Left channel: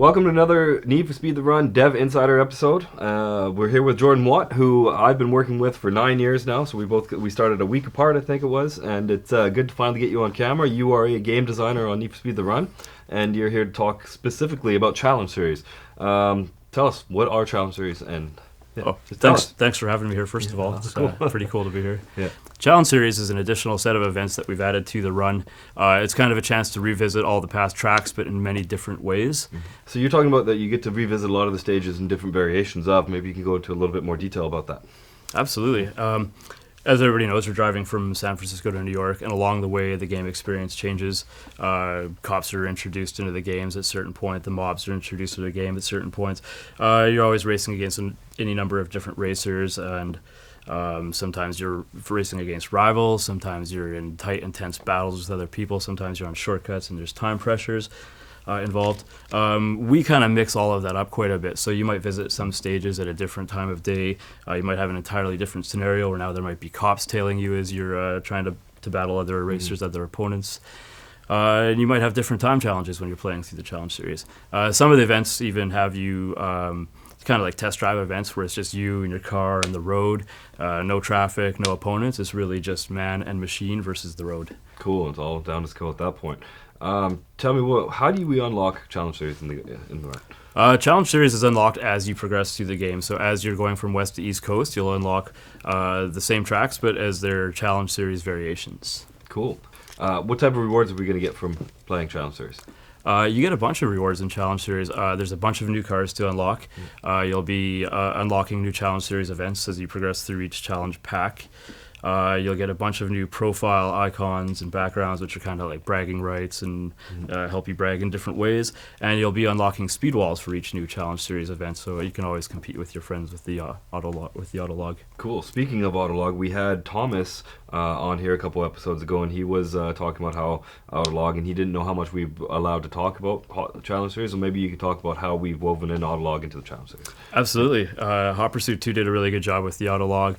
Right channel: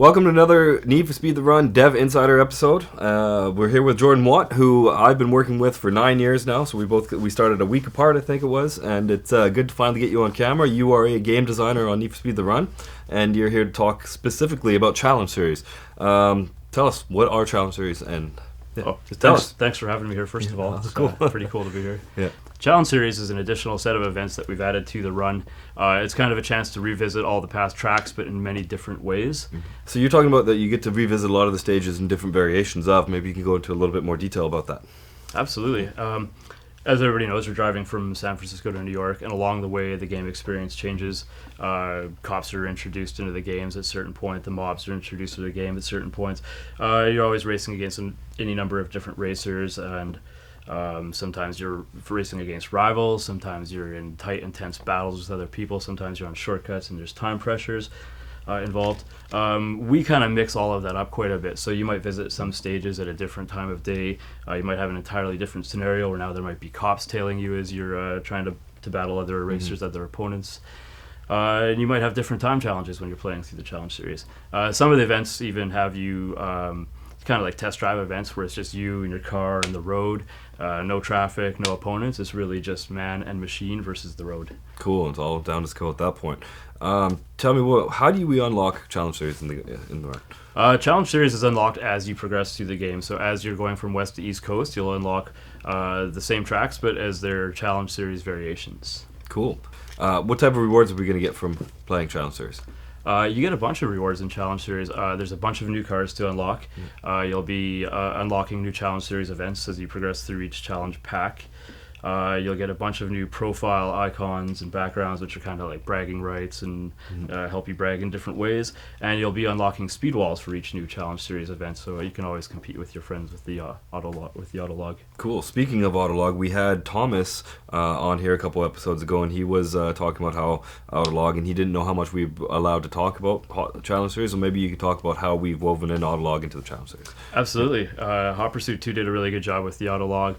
Welcome to another Need for Speed the Run Dev Insider episode. We're here with Jordan Watt, who I've been working with for 9 years now. So we started a week apart, I think it was, and it's good to finally get you on camera. You are a game designer on Need for Speed the Run, and you're here to talk specifically about Challenge Series. Tell us, what are Challenge Series? And thanks for having me here. First of all, it's cool. Pretty cool to be here. Yeah. Challenge Series is an additional set of events that we've added to the run. It's kind of a chance to revisit all the past tracks, but in many different ways. So you're talking about that you get to revisit a lot of the stages and different variations of. Maybe you can go into a little bit more detail about that. Absolutely. As everybody knows, we're driving from San Francisco to New York, and along the way, the game experience changes. Cops are introduced into the games at certain points. The mobs are introduced to the game at certain points. You're always racing against any number of different racers, and sometimes you're racing against rivals. Sometimes you're in tight, intense battles with other people. Sometimes you're on shortcuts, and there's time pressures involved. We kind of mix all of that up quite a bit. So you might visit some stages at a different time of day. You might have an entirely different scenario where now there might be cops tailing you as you're trying to battle other racers, other opponents. And you might have different time challenges when you're playing through the Challenge Series. Some of the events even have you it's kind of like test drive events where it's just you and your car and the road, no traffic, no opponents. It's really just man and machine versus the road. Cool. It's all down to skill at that point. Tell me, how do we unlock Challenge Series in the run? Challenge Series is unlocked as you progress through the game. So as you're going from west to east coast, you'll unlock the same tracks, but as their Challenge Series variations. Cool. What type of rewards are we going to get from playing Challenge Series? You get a bunch of rewards in Challenge Series. There's a bunch of new cars to unlock. You'll be unlocking new Challenge Series events as you progress through each challenge pack. You'll get a bunch of new profile icons and backgrounds, which are kind of like bragging rights and help you brag in different ways. And you'll be unlocking speed walls for each new Challenge Series event, so you can always compete with your friends with the Autolog. Cool. Speaking of Autolog, we had Thomas on here a couple episodes ago, and he was talking about how Autolog, and he didn't know how much we were allowed to talk about Challenge Series, so maybe you could talk about how we've woven in Autolog into the Challenge Series. Absolutely. Hot Pursuit 2 did a really good job with the Autolog.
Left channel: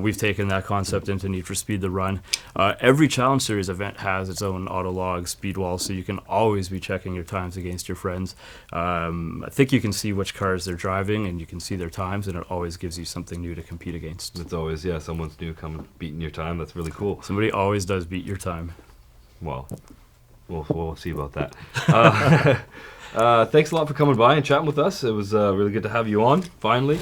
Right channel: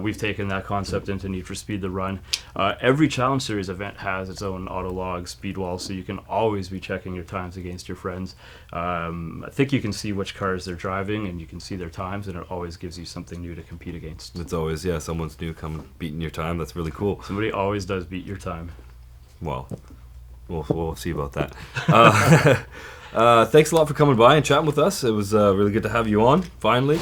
We've taken that concept into Need for Speed the Run. Every Challenge Series event has its own Autolog speed wall, so you can always be checking your times against your friends. I think you can see which cars they're driving, and you can see their times, and it always gives you something new to compete against. It's always, someone's new coming beating your time. That's really cool. Somebody always does beat your time. Well, we'll see about that. Thanks a lot for coming by and chatting with us. It was really good to have you on, finally.